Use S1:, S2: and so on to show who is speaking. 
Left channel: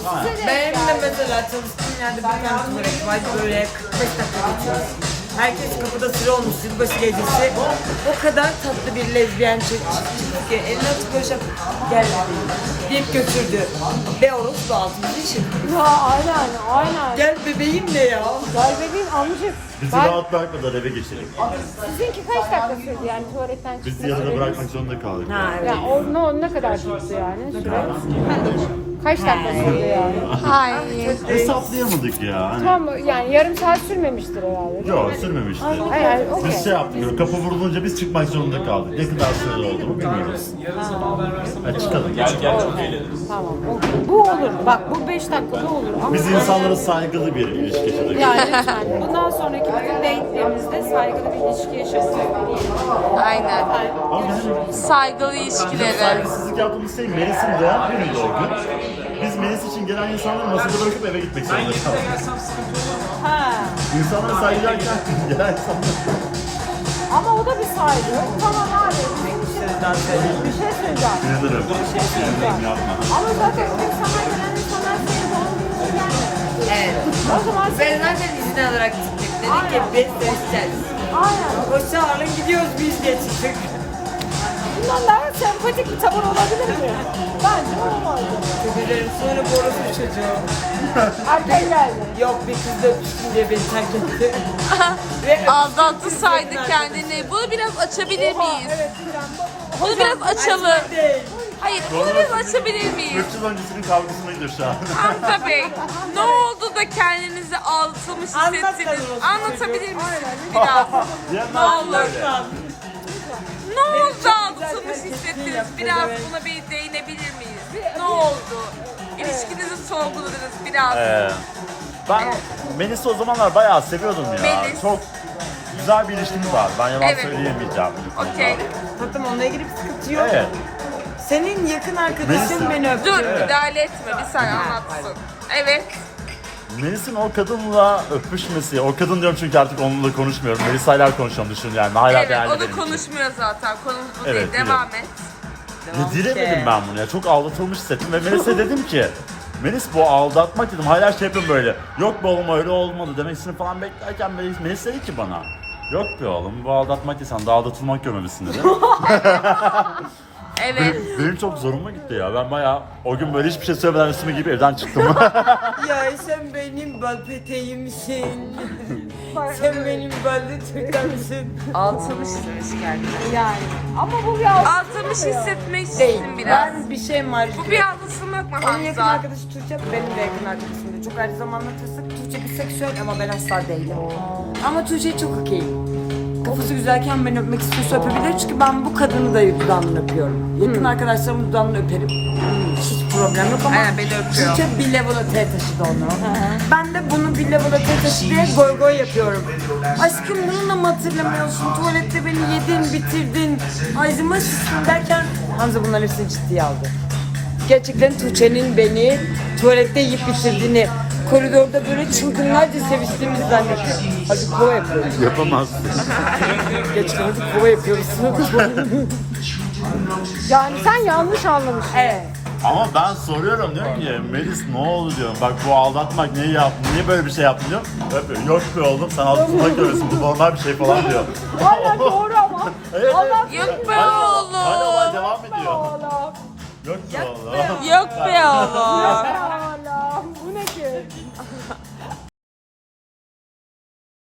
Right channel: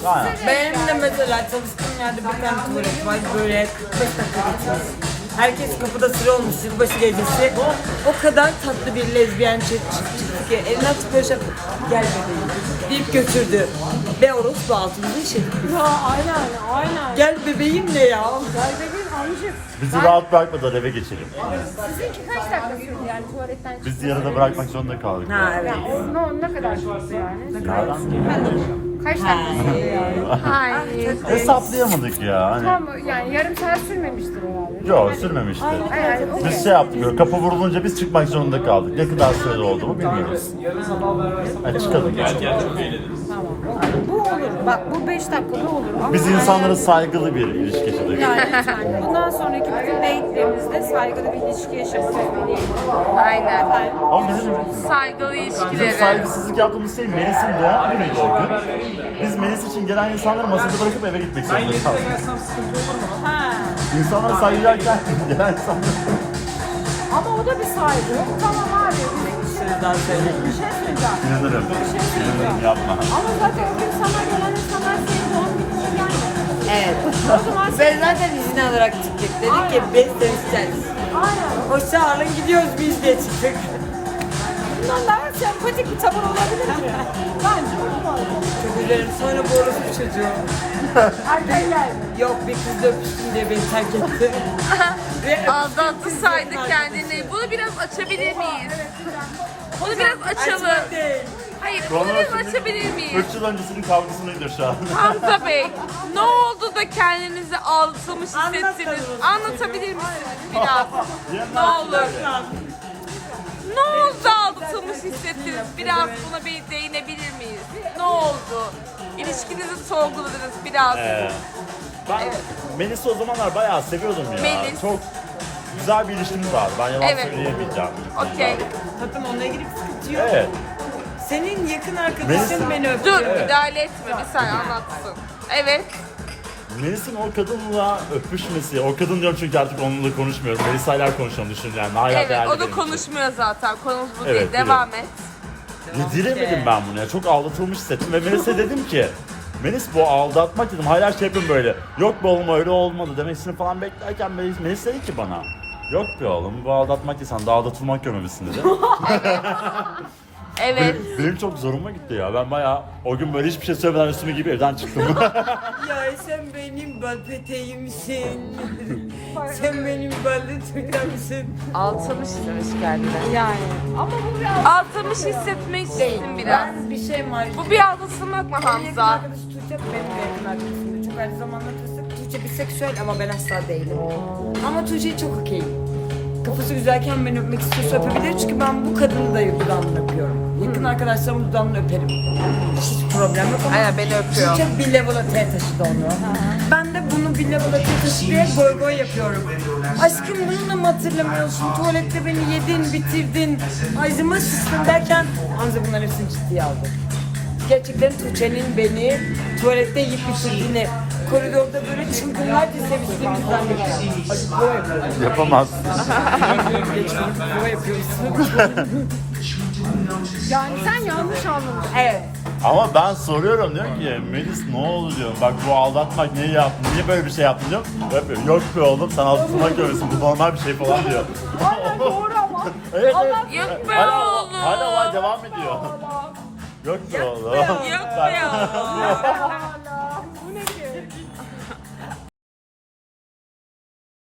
S1: Aynen.
S2: Benim de mesela çalıştığım yerde bir tane tuvalet var, böyle 45 dakika geçiyoruz. Herkes kapıda sıra olmuş yılbaşı gecesi. O kadar tatlı bir lezbiyen çıktı ki eline atıp böyle şey yaptı. Gel bebeğim deyip götürdü. Ve orospu altımızı işedik.
S3: Ya aynen.
S2: Gel bebeğim ne ya?
S3: Gel bebeğim amcık.
S1: Bizi rahat bırakmadılar, eve geçelim.
S3: Sizinki kaç dakika sürdü yani tuvaletten çıkmak?
S1: Biz yarıda bırakmak zorunda kaldık.
S2: Ha evet.
S3: Yani ne kadar sürdü yani?
S1: Nereden?
S3: Kaç dakika sürdü yani?
S1: Hesaplayamadık ya. Hani...
S3: Tamam yani yarım saat sürmemiştir herhalde.
S1: Yok, sürmemişti.
S3: Yani,
S1: Biz şey yaptık, böyle kapı vurulunca biz çıkmak zorunda kaldık. Ne kadar sürede oldu mu bilmiyoruz. Hadi çıkalım.
S3: tamam. Bu olur. Bak bu 5 dakikada olur. Ama
S1: Biz insanlara saygılı bir ilişki yaşadık.
S3: yani bundan sonraki bütün date'lerimizde saygılı bir ilişki yaşamak.
S4: Aynen.
S1: Ama bizim
S4: Saygılı ilişkileri.
S1: saygısızlık yaptığımız şey Melis'in doğum günüydü o gün. Biz Melis için gelen insanları masada bırakıp eve gitmek zorunda kaldık. İnsanlara saygılarken gelen insanlar...
S3: Ama o da bir saygı. Tamam abi.
S2: Sizden söyleyeyim.
S3: Bir şey söyleyeceğim.
S1: İnanırım.
S3: söyleyeceğim.
S1: Yapma.
S3: Ama zaten o gün sana gelen insanlar senin doğum gününe gelmedi.
S2: Evet.
S3: O zaman
S2: Ben zaten izin alarak çıktık. Dedik ki biz dönüşeceğiz.
S3: aynen.
S2: Hoşça alın gidiyoruz biz diye çıktık.
S3: Bundan daha sempatik bir tavır olabilir mi? Bence olmadı.
S2: Çok üzerim sonra bu orospu çocuğu.
S3: Erken geldi.
S2: Yok bir kızla öpüştüm diye beni terk etti. Ve
S4: Aldattı saydı
S2: yakın
S4: kendini. Bunu biraz açabilir miyiz? Bunu biraz açalım.
S2: Açmak değil.
S4: Hayır, bunu biraz açabilir miyiz?
S1: 3 yıl öncesinin kavgasına gidiyor şu an.
S4: Hamza Bey, ne oldu da kendinizi aldatılmış hissettiniz? Anlatabilir misiniz biraz? Ne olur. Ne oldu aldatılmış hissettiniz? Biraz buna bir değinebilir miyiz? Ne oldu? İlişkinizi sorguladınız biraz.
S1: Ben Melis'i o zamanlar bayağı seviyordum ya.
S4: Melis.
S1: Çok güzel bir ilişkimiz vardı. Ben yalan
S4: Evet.
S1: söyleyemeyeceğim. bu konuda.
S4: Okey.
S2: Tatlım onunla ilgili bir sıkıntı yok.
S1: Evet.
S2: Senin yakın arkadaşın
S1: Melis'in-
S2: beni öptü.
S4: Dur, müdahale etme. Bir saniye anlatsın. Evet.
S1: Melis'in o kadınla öpüşmesi, o kadın diyorum çünkü artık onunla konuşmuyorum. Melisa'yla konuşuyorum düşün yani. Hala
S4: Evet,
S1: değerli
S4: o da
S1: benim için.
S4: konuşmuyor zaten. Konumuz bu
S1: Evet,
S4: değil. Devam et.
S1: Yediremedim ben bunu ya. Çok aldatılmış hissettim ve Melis'e dedim ki Melis bu aldatmak dedim. Hala şey yapıyorum böyle. Yok be oğlum öyle olmadı demesini falan beklerken Melis dedi ki bana. Yok be oğlum bu aldatmak değil sen de aldatılmak görmemişsin dedi.
S4: Evet.
S1: Benim çok zoruma gitti ya. Ben bayağı o gün böyle hiçbir şey söylemeden üstüme gibi evden çıktım.
S2: Ya sen benim bal peteğimsin. Sen benim ballı tırtamsın.
S4: Altamış demiş kendine.
S3: Yani. Ama bu bir
S4: Altamış hissetmek istedim biraz.
S2: Ben bir şey var.
S4: Bu bir aldatılmak mı
S2: En yakın
S4: Hamza?
S2: arkadaşı Tuğçe, benim de yakın arkadaşım. Çok aynı zamanda tırsık. Tuğçe biseksüel ama ben asla değilim. Ama Tuğçe çok okeyim. Kafası güzelken beni öpmek istiyorsa öpebilir çünkü ben bu kadını da dudağından öpüyorum. Yakın arkadaşlarımın dudağından öperim. Hiç problem yok ama
S4: Aynen, beni öpüyor.
S2: Tuğçe bir level'a T taşıdı onu. Ben de bunu bir level'a T taşıdı diye goy goy yapıyorum. Aşkım bununla mı hatırlamıyorsun? Tuvalette beni yedin, bitirdin, ağzıma sıçtın derken Hamza bunların hepsini ciddiye aldı. Gerçekten Tuğçe'nin beni tuvalette yiyip bitirdiğini, koridorda böyle çılgınlarca seviştiğimizi ben de hafif kova yapıyorum.
S1: Yapamazsın.
S2: Geçtim hafif kova yapıyoruz.
S3: yani sen yanlış anlamışsın.
S2: Evet.
S1: Ama ben soruyorum diyorum ki Melis ne oldu diyorum. Bak bu aldatmak neyi yaptın? Niye böyle bir şey yaptın diyorum. Öpüyor. Yok be oğlum sen aldatılmak görüyorsun. Bu normal bir şey falan diyor.
S3: Aynen doğru ama.
S1: Evet evet.
S4: Yok be
S1: Hala-
S4: oğlum.
S1: Hala olay devam ediyor. Yok be oğlum.
S4: Yok be oğlum.
S3: Allah. Bu ne ki?